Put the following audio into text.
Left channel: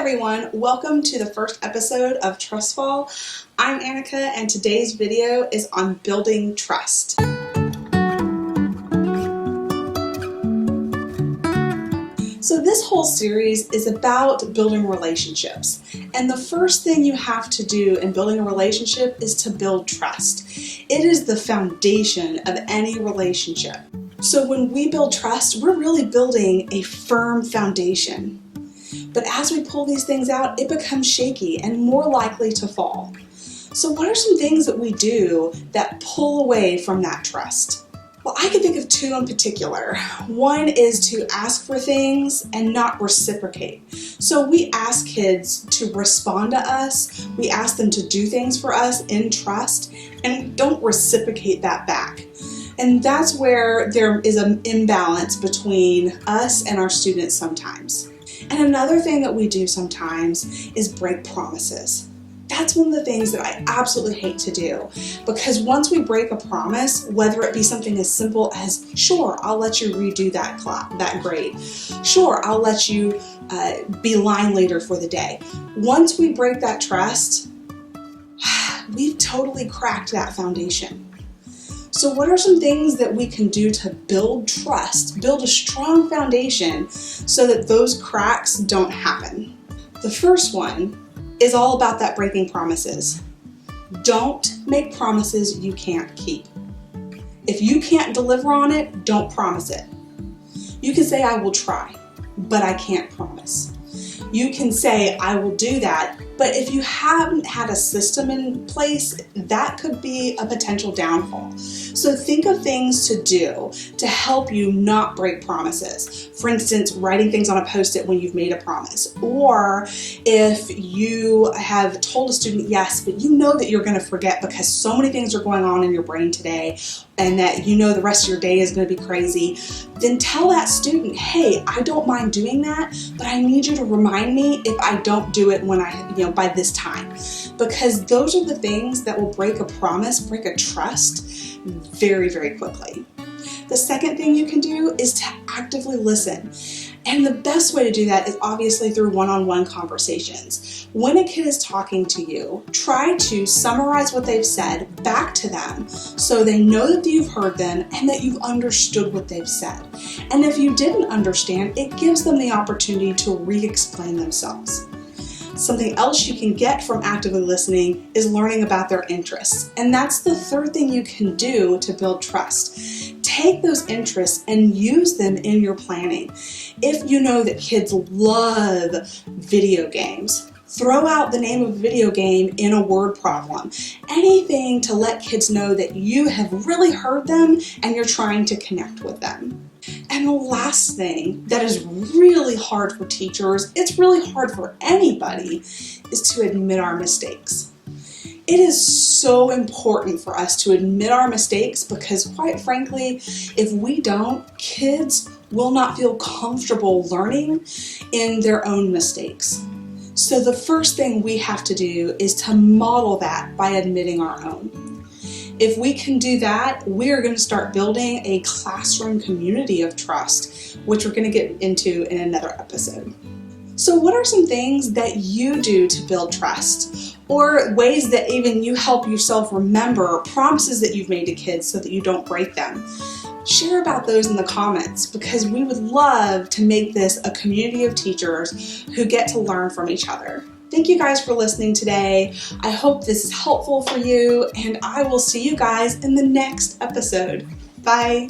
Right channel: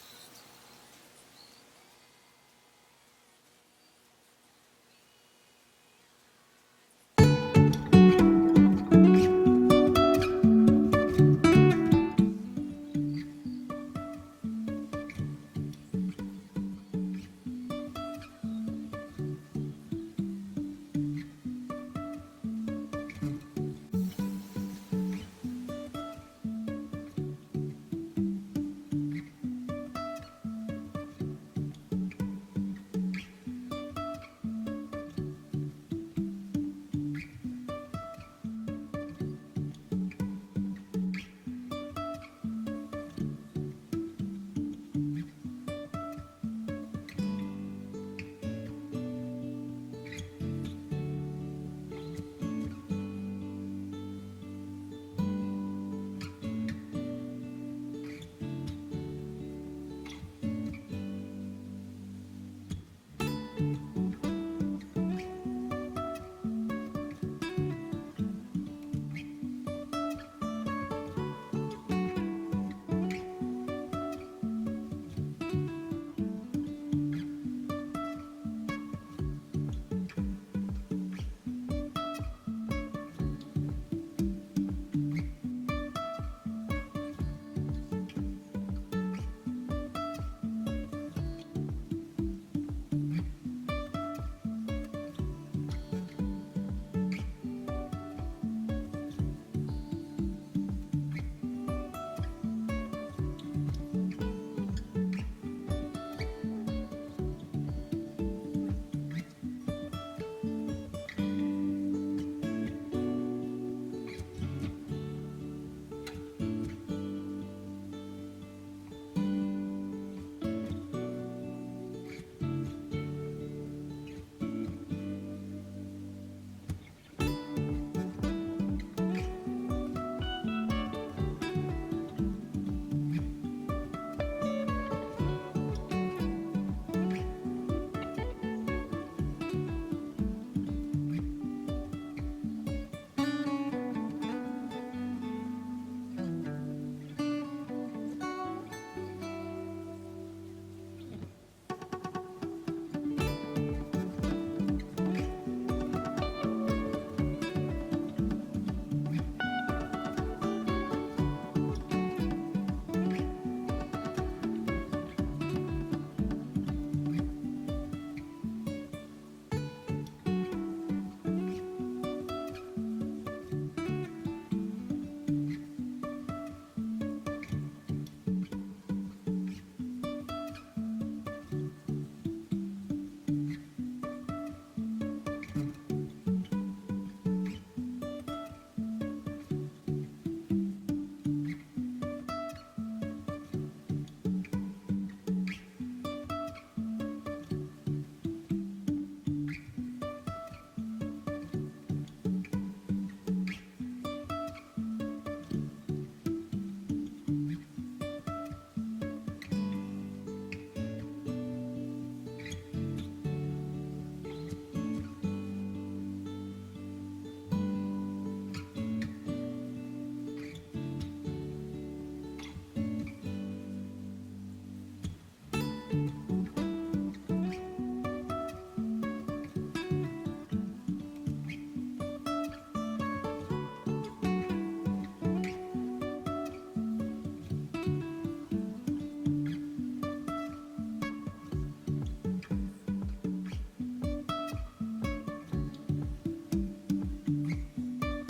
everyone, welcome to the first episode of Trust Fall. I'm Annika and today's video is on building trust. So this whole series is about building relationships, and the first thing you have to do in building a relationship is to build trust. It is the foundation of any relationship. So when we build trust, we're really building a firm foundation. But as we pull these things out, it becomes shaky and more likely to fall. So what are some things that we do that pull away from that trust? Well, I can think of two in particular. One is to ask for things and not reciprocate. So we ask kids to respond to us, we ask them to do things for us in trust, and don't reciprocate that back. And that's where there is an imbalance between us and our students sometimes. And another thing that we do sometimes is break promises. That's one of the things that I absolutely hate to do, because once we break a promise, whether it be something as simple as, sure, I'll let you redo that grade. Sure, I'll let you be line leader for the day. Once we break that trust, we've totally cracked that foundation. So what are some things that we can do to build trust, build a strong foundation so that those cracks don't happen? The first one is all about that breaking promises. Don't make promises you can't keep. If you can't deliver on it, don't promise it. You can say, I will try, but I can't promise. You can say, I will do that, but if you haven't had a system in place, that could be a potential downfall. So think of things to do to help you not break promises. For instance, writing things on a Post-it when you've made a promise. Or if you have told a student yes, but you know that you're going to forget because so many things are going on in your brain today and that you know the rest of your day is going to be crazy, then tell that student, hey, I don't mind doing that, but I need you to remind me if I don't do it when by this time. Because those are the things that will break a promise, break a trust very, very quickly. The second thing you can do is to actively listen. And the best way to do that is obviously through one-on-one conversations. When a kid is talking to you, try to summarize what they've said back to them so they know that you've heard them and that you've understood what they've said. And if you didn't understand, it gives them the opportunity to re-explain themselves. Something else you can get from actively listening is learning about their interests. And that's the third thing you can do to build trust. Take those interests and use them in your planning. If you know that kids love video games, throw out the name of a video game in a word problem. Anything to let kids know that you have really heard them and you're trying to connect with them. And the last thing that is really hard for teachers, it's really hard for anybody, is to admit our mistakes. It is so important for us to admit our mistakes because, quite frankly, if we don't, kids will not feel comfortable learning in their own mistakes. So the first thing we have to do is to model that by admitting our own. If we can do that, we're going to start building a classroom community of trust, which we're going to get into in another episode. So what are some things that you do to build trust? Or ways that even you help yourself remember promises that you've made to kids so that you don't break them? Share about those in the comments because we would love to make this a community of teachers who get to learn from each other. Thank you guys for listening today. I hope this is helpful for you, and I will see you guys in the next episode. Bye.